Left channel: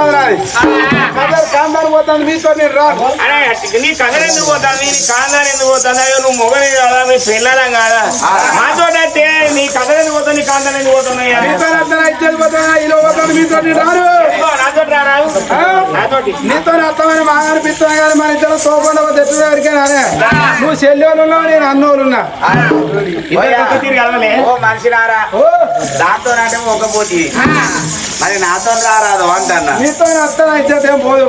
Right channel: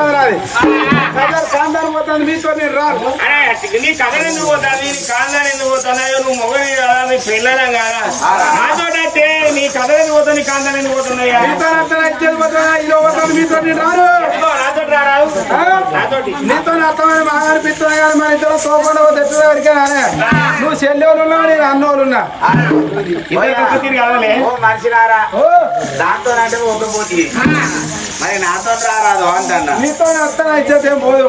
పోతాను రాదు కదర్ కాందాలు పోతాను మీతో నేను రాను నీ కథలు ఎందుకు పోతాను నీ కాందాలు ఎందుకు పోతాను నువ్వు మొగని కాదా నీ పిల్లలం కాదా నాతో అంటే నీ కథలు ఎందుకు పోతావు నీ కాందాలు ఎందుకు పోతున్నాయి మీతో అర్థం పోతాను ఇలా పోతాను మీతో రాను నాతో రారావు నాతోటి నీతో అర్థమని బాగా అనిపిస్తున్నా కానీ మన ఇద్దరు తోపండి తెచ్చిన వరకేనా నువ్వు చెల్లెలు ఉన్నావు నేను అన్నోళ్ళు ఉన్నా మనిషినారా దాంతో అంటే ఒక పోటీ మరి నాతో రారాదు అంటన్నా నీతో వస్తాను ఇచ్చేది ఏం పోదు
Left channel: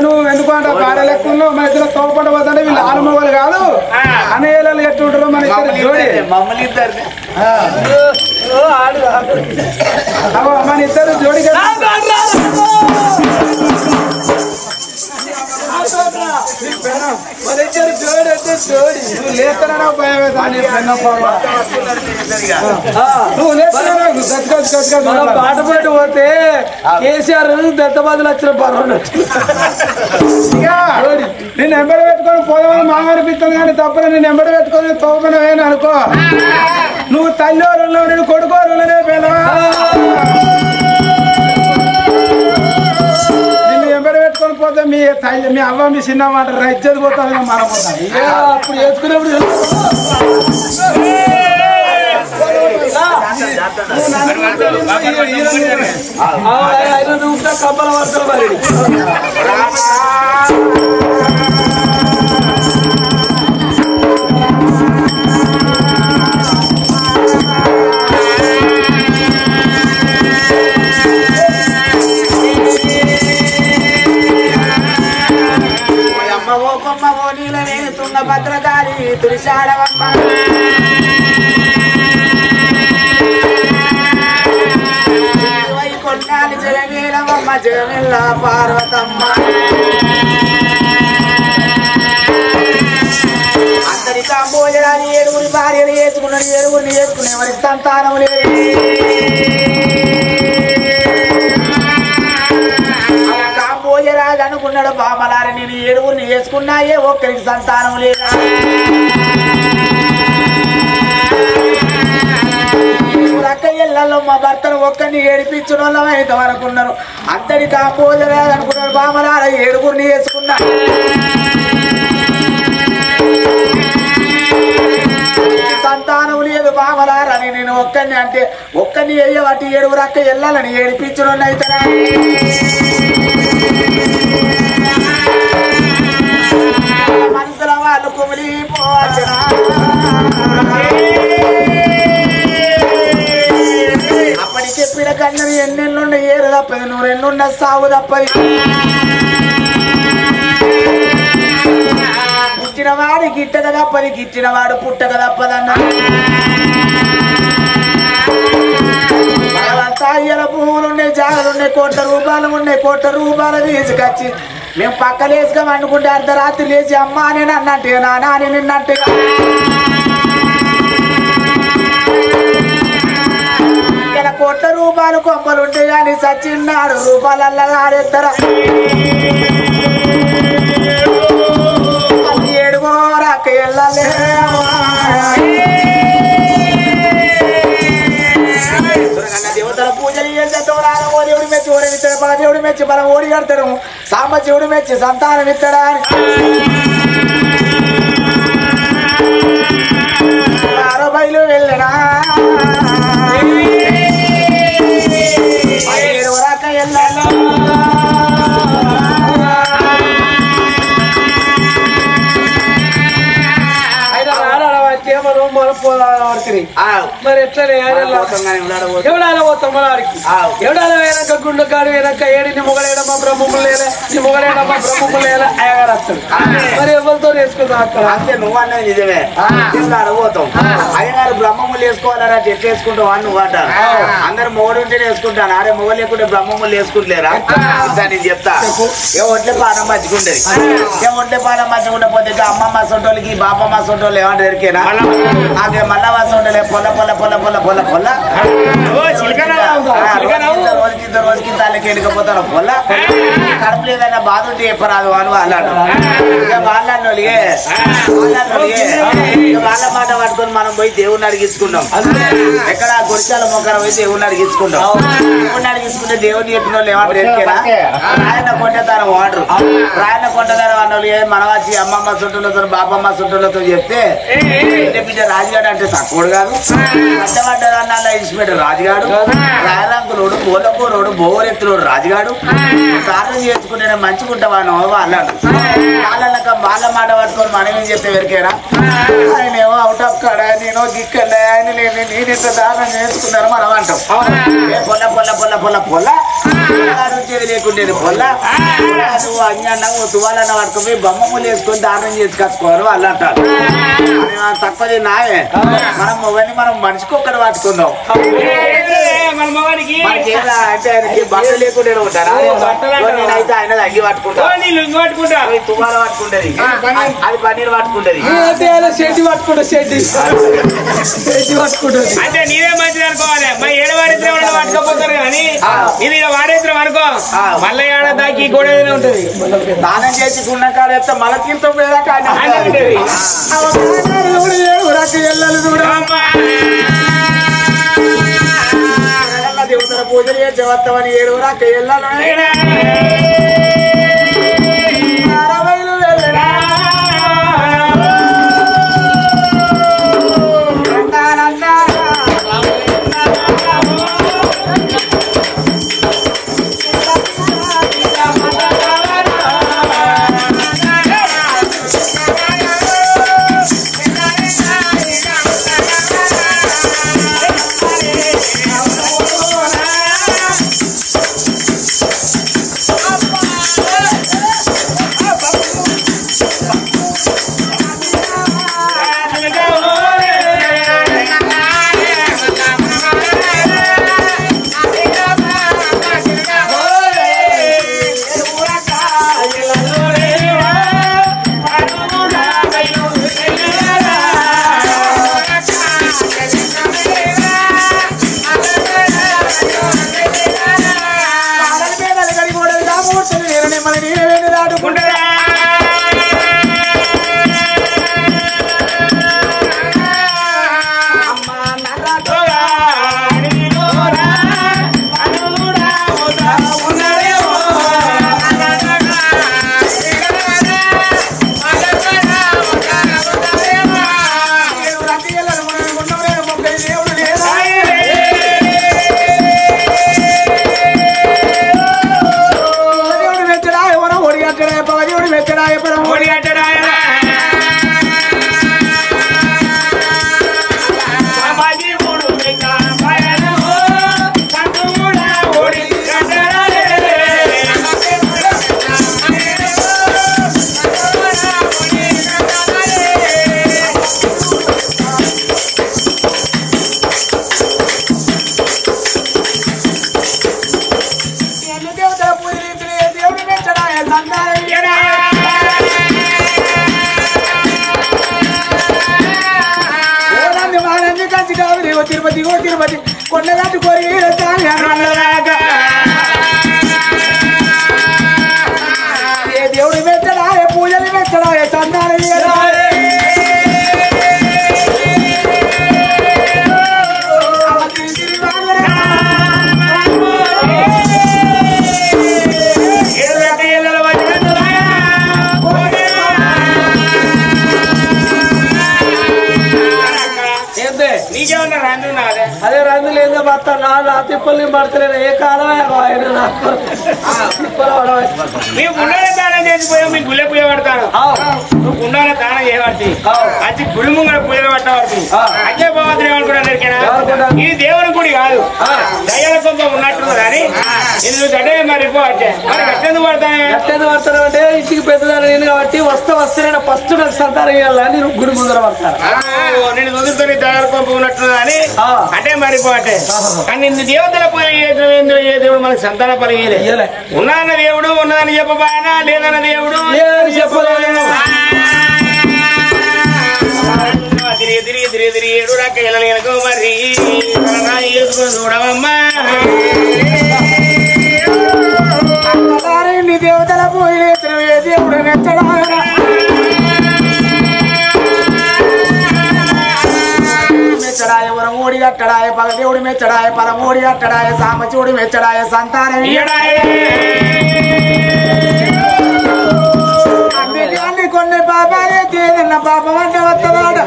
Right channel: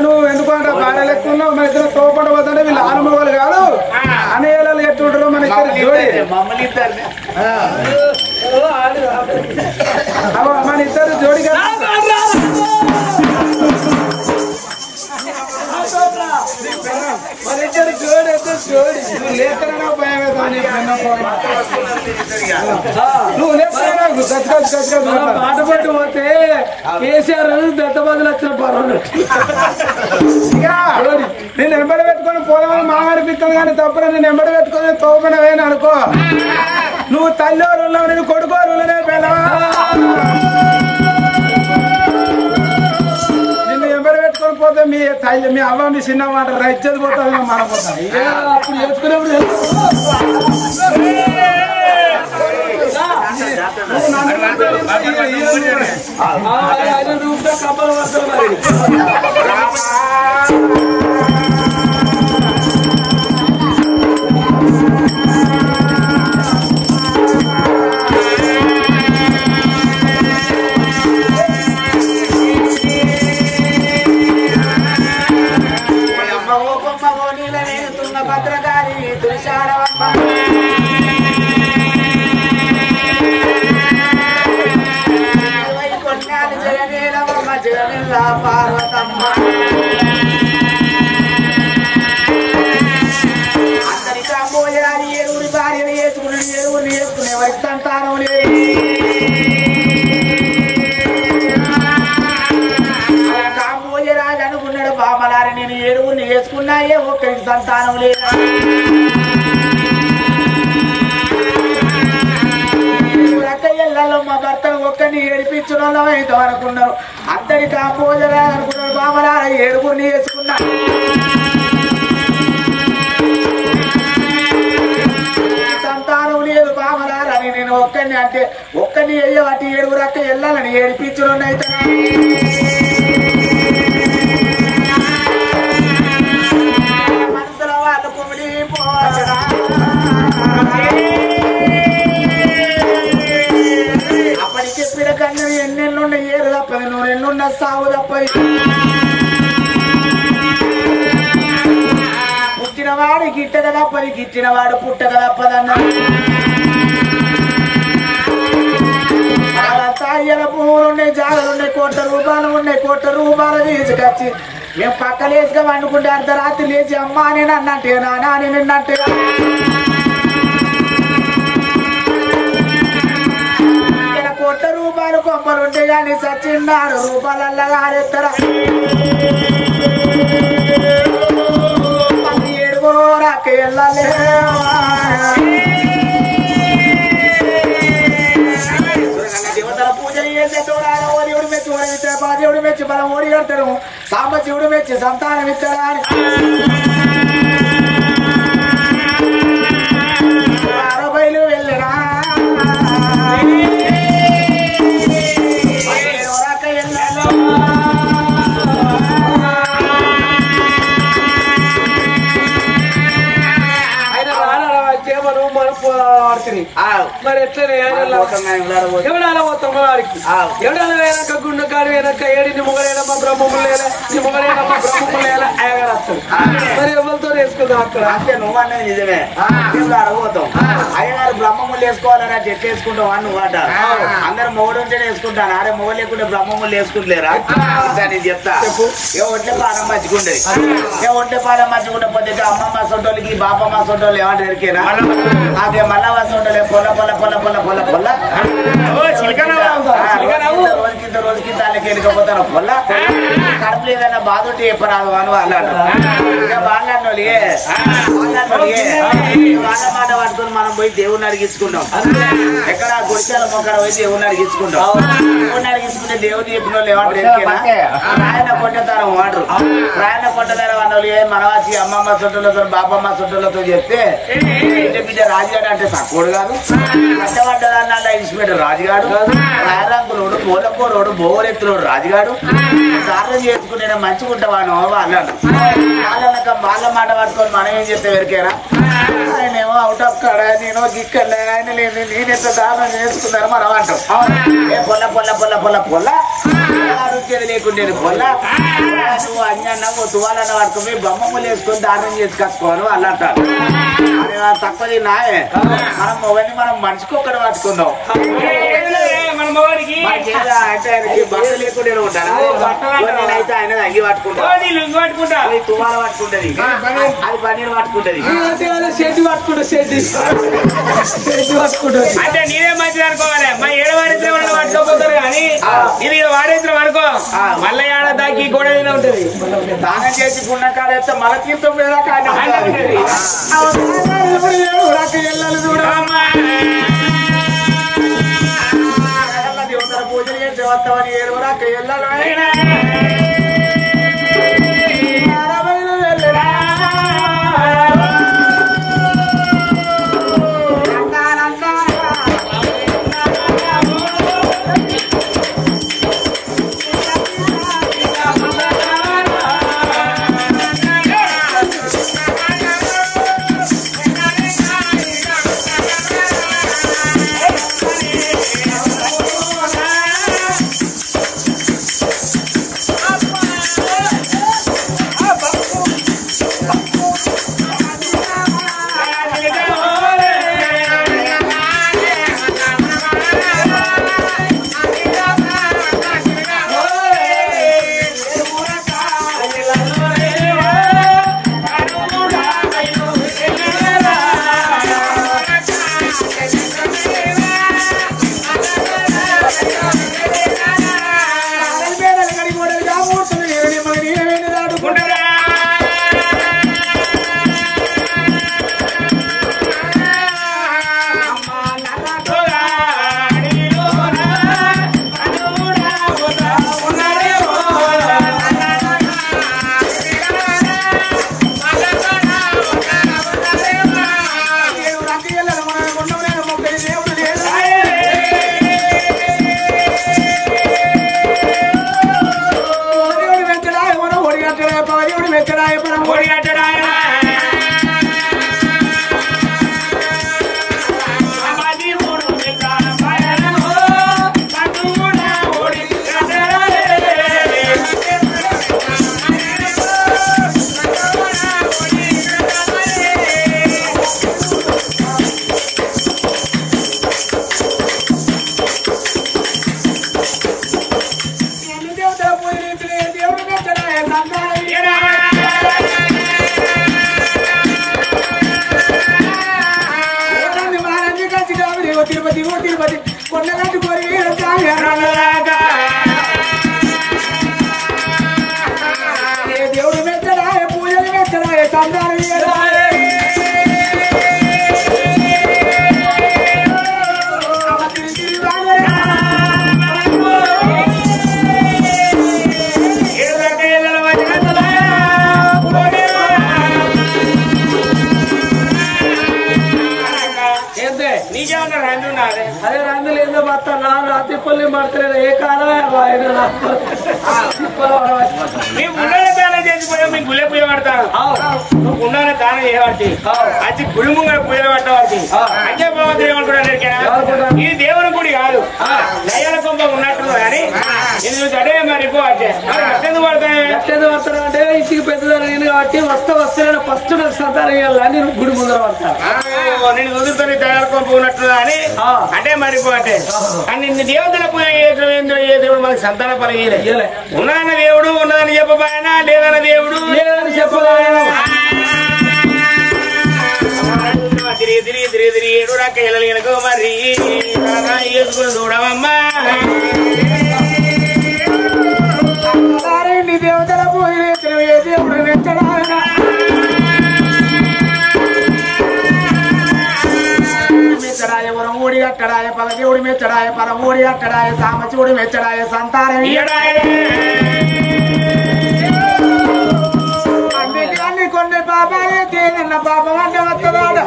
నువ్వు ఎందుకు అంటే భార్యలు ఎక్కువ ఉన్నావు మన ఇద్దరు తోపండ పోతుంటే వీళ్ళు ఆరుమగలు కాదు అనేళ్ళు ఎట్టుంటారు మన ఇద్దరు జోడి మమ్మల్ని ఇద్దరు మన ఇద్దరు జోడి కదా మన ఇద్దరు జోడి అంటే జోడి నువ్వు లేకనా భయం నువ్వు లేకనా పాట పాటు పోతే కేసీఆర్ దత్తబాదులు వచ్చిన పర్వాలేదు నేను ఎంబడి పెట్టుకొని పోదామని మామ అనిపిస్తుంది కానీ తప్పని నేను ఎంబడి పెట్టుకొని తోపనవేని అనుకో నువ్వు తల్లివారు ఉన్నావు నేను కొడుకోరునే పిల్లవా నిన్ను ఎంబడి పెట్టుకొని పోతే మీ తల్లి మీ అవ్వ మీ చిన్న మాట ఇచ్చేది పోతుంది మనం పోతాను అప్పుడు వేసుకునేప్పుడు కప్పల పడుతుంది మరి భద్రకాళి తులిశాడవమ్మ కొన్నాళ్ళు జగనీలవమ్మ జగమిల్ల పార్వతమ్మ అందరి కాంబోజరాని ఏడుగురి భార్యలు వేసుకున్నాడు ఏడుగురిని వేసుకునే వారికి సంతానం లేదు కాంబోజరాజు అనుకున్నాడు బామలారి నేను ఏడుగురిని వేసుకున్నాయే ఒక్కరికి సంతానం లేదు అక్కయ్యలలో మా భర్తను ఒక్కరిని ఏడిపించిన వాళ్ళం అయితే అనుకున్నారు అంతటి కాంబోజరాజు అనుకున్నాడు బామలార ఏడుగురిని వేసుకున్నా సంతానం లేదు బామలారని నేను ఒక్కరిని అంటే ఒక్కరిని వేయబట్టి ఏడుగురు అక్క వెళ్ళాలని ఏడిపించిన అయితే మనసుల వాళ్ళు కుమిలిపోవచ్చునా అప్పటికే పిడకన్నది ఎన్నెన్నున్న ఏరు తప్పది నూరెన్నున్న సాగు తప్పది పుట్టినవాడు గిట్టక తప్పది గిట్టినవాడు పుట్టక తప్పదన్నా తాయ్యల పువ్వులు ఉన్నాయి జాగలు ఉన్నాయి కోట్ల రూపాయలు ఉన్నాయి కోట్ల రూపాయలు తీసుకొచ్చి మేము పక్కలేసుగా వండుకుంటే అర్ధరాత్రి లేచి అమ్మా నేను అన్నట్టే నానా నేను నిన్నట్టుగా ఇక్కడ కోట్ల రూపాయలు కొంపలు ఉంటాయి కానీ సచ్చిన్నాడు రూపాయలల్లా ఆడేస్తారా ఏడుకోరాక వెళ్ళలే దేవతల పూజలు చేసేటోరావు దేవుడు మెచ్చి ఓడిస్తాడు మన దేవుడు మెచ్చి మనం ఓడి కడతాడు సాంబ దేవుడు మెచ్చి సంతానం ఇస్తాడా ఆరో బయలు వెళ్ళనా ఏడువరాక వెళ్ళాలి మరి ఎట్లనే ఎవడాల పోతాం మనవాడికి ఎవడాల వెనక గుండెకాడు వెనక ఏడిని మొగలేడమ్మా బ్రహ్మములు లేలే నీ మొగలేడమ్మా బ్రహ్మములు లేలే అయ్యగారు వస్తాడు మరి ఎవరితో వేసుకుందాం అక్కడ అంతే నువ్వు అన్నది నిజమే అడగపోతాం అయ్యగారు బ్రహ్మములు వేసుకోవాలరా చెట్లు వేసుకుంటావు అని నువ్వు అంటారు అందరు మొగడు ఉంటేనే వేసుకుంటాను అరే మొగ లేకుంటే బ్రహ్మములు వేసుకుంటలేరా నేను చెప్తా ఏ ఒంట్లే పానం మంచుకుంటది ఏ ఒంట్లే పానం మంచుకుంటే అమ్మమ్మ సొంటోళ్ళకి బాపమ్మ సొంటోళ్ళు ఏమంటారు ఎరికేనా అదే మల్లవ సొంటలే పొల్ల పొల్ల పొల్ల పొల్ల పొల్ల పొల్ల రోజుకి దానికి వెళ్ళిపోతాను పొల్ల కడుపులో ఏదైనా బాధ ఉంటే చెప్పరాదు అని వాళ్ళు ఇక వాళ్ళని వాళ్ళ మాట పట్టుకొని మనం పోయి దేవుడిని అడిగించుకున్నాం. ఎక్కడ గుడిచాల మొక్కన పోయి దేవుడిని అడిగించుకున్నాం. దేవుడిని అడిగించుకుంటే దేవుడిని చెప్పిన వాళ్ళు ఏమంటారు ఎరికేనా? రాయన్న కొంటదారం అంటారు. రాయన్న కొంటదారం అన్న వాళ్ళు మన వచ్చి అమ్మమ్మ చుట్టూలతో బాబమ్మ చుట్టూలతో చెప్తే బిడ్డ రాజుగాడు అంటే తక్కువడు కాదు. కట్టబడ్డదాన్ని అలా ఇన్స్పెక్టర్ రాజుగాడు, రాయరంకులోడు, బోలకూరోడు, బోవరెత్తులోడు రాజుగాడు. ప్రార్థన చేసుకుంటే మంచిగుంటావాను అన్నాడు. వాళ్ళ మాట పట్టుకొని మనం ఏం చెప్తే వెరికేనా? ఆయనేమో అవుట్ ఆఫ్ కాడ, నేను గిక్కడ ఆయన లేదు, నేనెంత దారుణం చేసుకున్నారు మనం అంటాం. ఏ పొల్ల పొల్ల పొల్ల పొల్ల పొల్ల వచ్చేది లేకుండేది పొల్ల. నువ్వు అన్న తువాలన్న పట్టుకొని బొమ్మలు వేసుకొని దారుణం చేసుకొచ్చుకోవాలి వాళ్ళు అంటారు. అని తక్కువది నాయే. మనం మొగని మనం మనిషికి ఒక్కడ పట్టుకున్నాం. మనకి ఏదో అంటే ఆయనకి బట్టలు లేకుండా ఉంటారా? నేనైతే ఆయన అగ్గి పట్టుకుంటా, తువాల పట్టుకుంటది, అది పన్నీరు పట్టుకుంటది, షెడ్డి పట్టుకుంటా, షెడ్డి పట్టుకుంటుంది. అంటే నీవే మంచిది అనుకోవాలి. మా ఏడ వాడేత్రం పట్టుకోపోతారు కానీ ఇది వాడేత్రం అనుకో మళ్ళీ ఏడ దాకి గోడ ఏదైనా ఉంటది. దానం చేసి గుండ కాడేస్తే మళ్ళీ తీర్థం మీద ఉంటది. దేవతల పూజలు చేసి వస్తామని 7 వరకు వెళ్ళాలి. తిరుపతి తిరుపతి కొండగట్టు కోరి దేవుడు మెచ్చడా పూజలు మెచ్చడా సందాలు నీకేమన్నా రందు నాదే? అదే రందు లేదో బత్త నా తిప్పల్ని పడతలేదు. ఏ కాలం ఆయన తిప్పలు మేము గుండెనే దానం చేసిపోయాం. మీకు గుళ్ళే పూజ పడతాను. నువ్వు గుండెనే దానం చేయబడి అది గుడి ముంగడ పూజలు పట్టబడి అదే భగవంతుడు ఏమనుకుంటా ఇది దేవుని గుడి కాదు, దయ్యాల కొంప ఉన్నట్టు కానీ ఇది చూస్తే మరి వచ్చే మరి ఎట్టెందుకు పడతాను? ఎట్టెందుకు పడతాను అంటే ఇంటికి పెద్దదాన్ని నేను కాబట్టి వస్తే ఫస్ట్ నాకు సంతానం ఇవ్వాలని నేను గుడి ముందర పడతాను. నేను కుదురుతో దయ్యాల కొంప ఉన్నట్టు అని అంటే మరిపోటే కానీ నిన్ను దేవతల పూజ ఏ దేవుడు మనకు సంతాన పలిగేలే. ఉన్నదన్న దేవుడు ఉన్నదని చెప్పబాయనా, లేదన్న దేవుడు లేదని చెప్పలేను. తిరిగి తిరిగి తిరిగి తిరిగి ఏడు రాక వెళ్ళలేనుకో మరి వేసుకుని చూడవమ్మా. దేవతల పూజ దేవుడు మెచ్చడా ఊడి కట్టడాయ పగదేవుడి మెచ్చడాయ పరమూడి కట్టడాయ సామచూడి మెచ్చడాయ సంతానం అందుకే కొన్ని పాపాలే తేదన్న పాపం అంటే వస్తుందాడ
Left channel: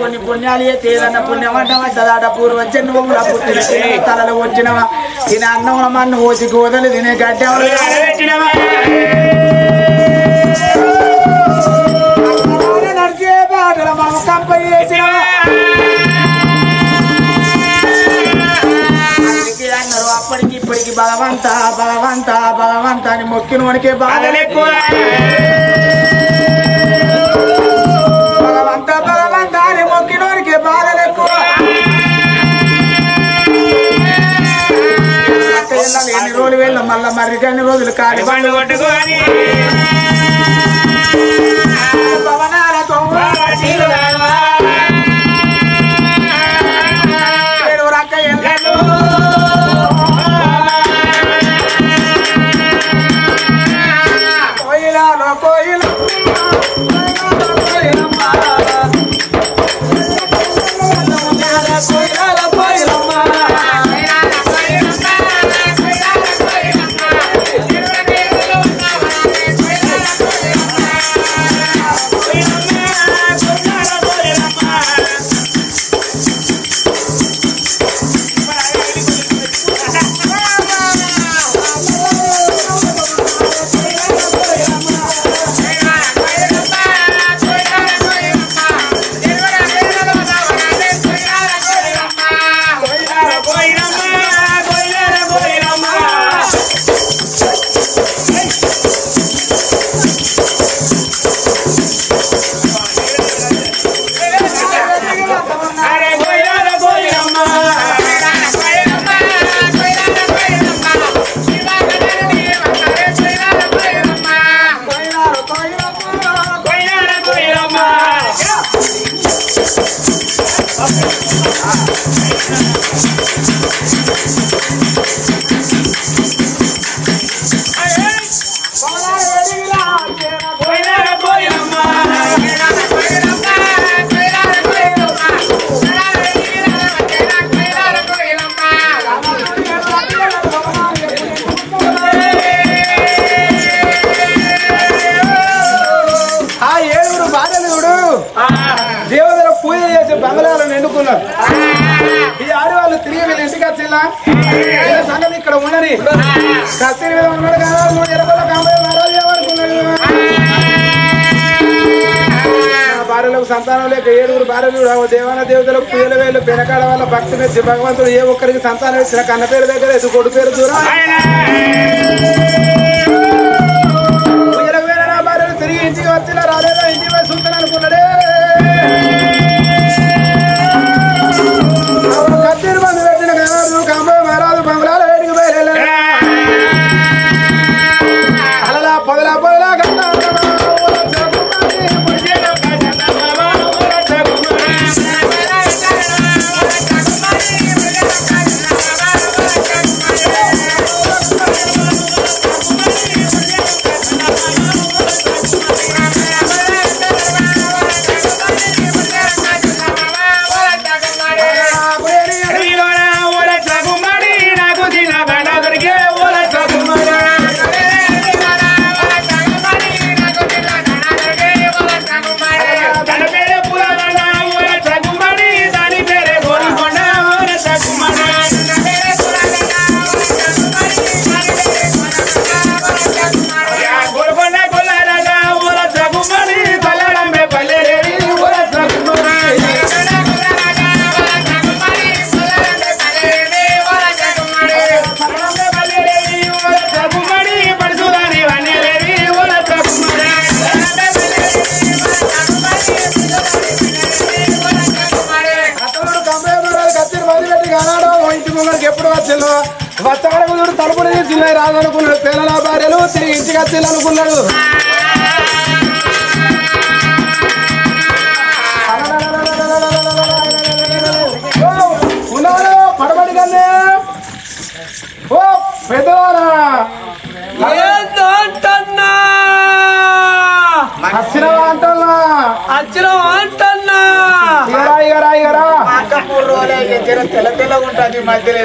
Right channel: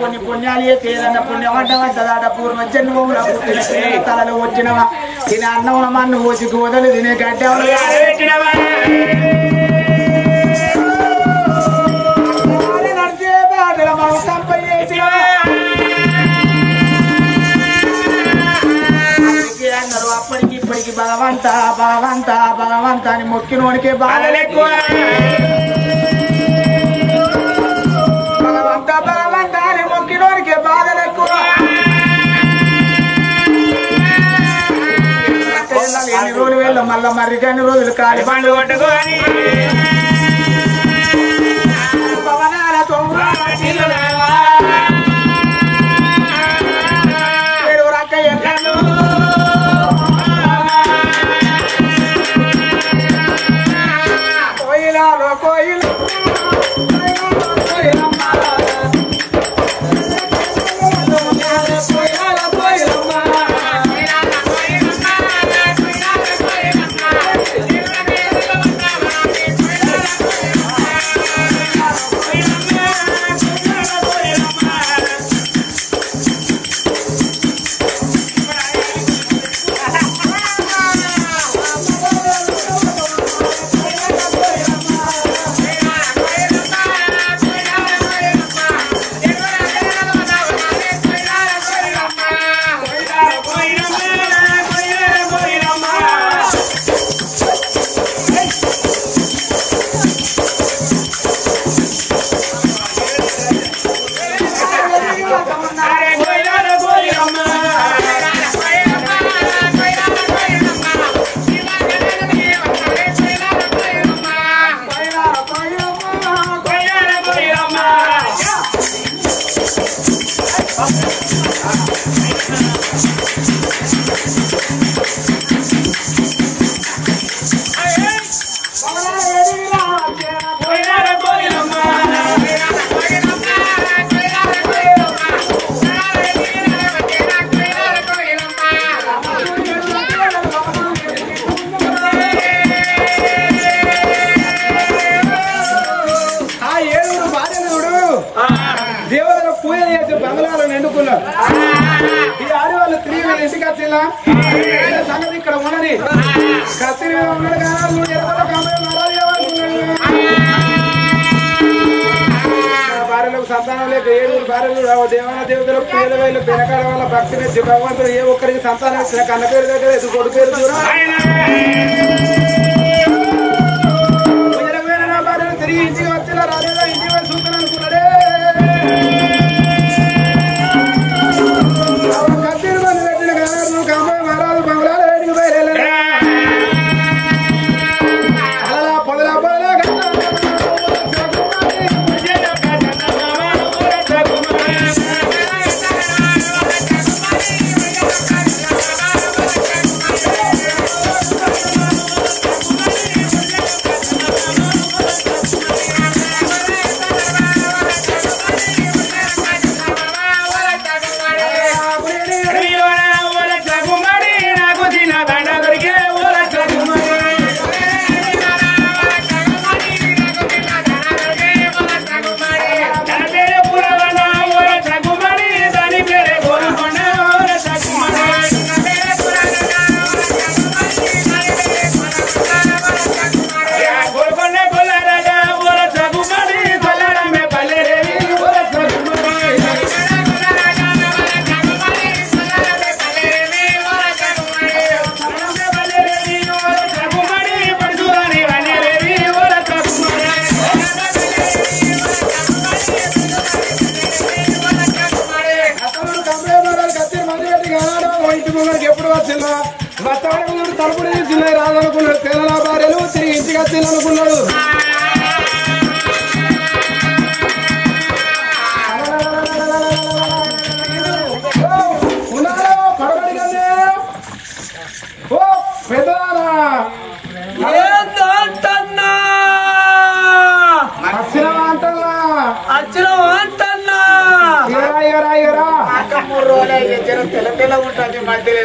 కొన్ని పుణ్యాలే తేదన్న పుణ్యం అంటే వద్దదాట పూర్వ జన్మముల పుట్టిన తలలు వచ్చినవా తినే అన్నం మన్ను పోసి గోదలు తినే గడ్డ నడిచే బాటల మనం కంప చేసినవా అన్నారు అప్పటికి ఇప్పటికి భగవంత భగవంత భగవంత అని మొక్కినోనికే బాధలు ఎక్కువ భగవంత భగవంత అని మొక్కినోనికే బాధలు ఎక్కువ ఎన్ని రోజులు వెళ్ళాం మళ్ళా మరి అన్ని రోజులు కాలి బండ్లు కొట్టుకోని భవనాలతో దేవతల పూజ చేసి బంగ్లాలను ఎన్నుకున్నారు. ఈ ఆడవాళ్ళు తిరిగి వీళ్ళ ఇంటికి వచ్చిలా సంగతి ఇక్కడ ఉండని కత్తిరి మీద ఉన్నాడు కదా నువ్వు ఎరగల భార్యలకు సంతానం లేక 7 భార్యలు దేవాన దేవతలకు పూజల వేలు పెనకాడ వల్ల భక్తి మెచ్చి భగవంతుడు ఏ ఒక్కరికి సంతానం ఇచ్చిన కన్న పేరు దగ్గర ఎదు కొడు పేరు దూరం భార్యలు తిరిగి ఇంటికి వచ్చిలా రాలేదా ఇంటికి వచ్చి ఉంటాను అనుకున్నాడే కత్తిరి మంది పెట్టిన కాదు కాంబోయ మహారాజు బంగ్లాల వేడికి బయలు అలా పొదలా పొదలా వస్తాడు తలుపులు తీసుకున్నాయి రాదనుకున్నాడు తెలంగాణ భార్యలు తిరిగి ఇంటికి వచ్చి అనుకున్నాడు ఉన్నాడు పడబడి కన్నే ఓ పెద్దవారా ఏంటన్నా వచ్చినవా అంటల్లా తెల్ల తెల్ల ఉంటుంది మధ్యలో